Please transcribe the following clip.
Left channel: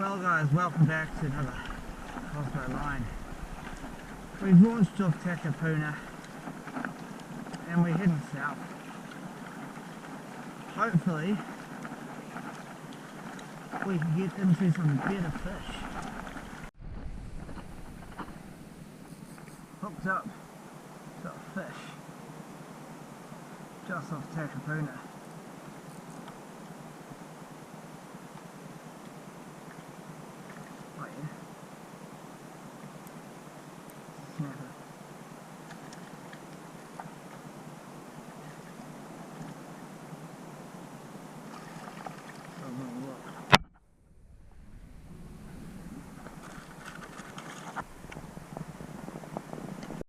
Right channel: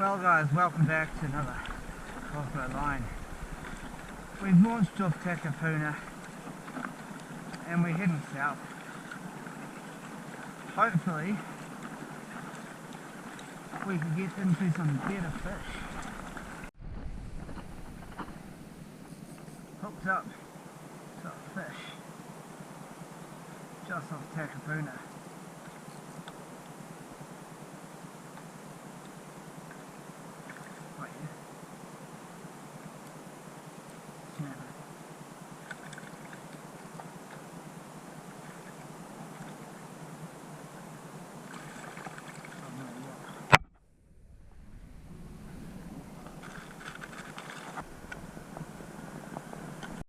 Well guys, welcome back to another Cosmo Line. We've launched off Takapuna and we're heading south. Hopefully we can get into some better fish. Hooked up to a fish just off Takapuna.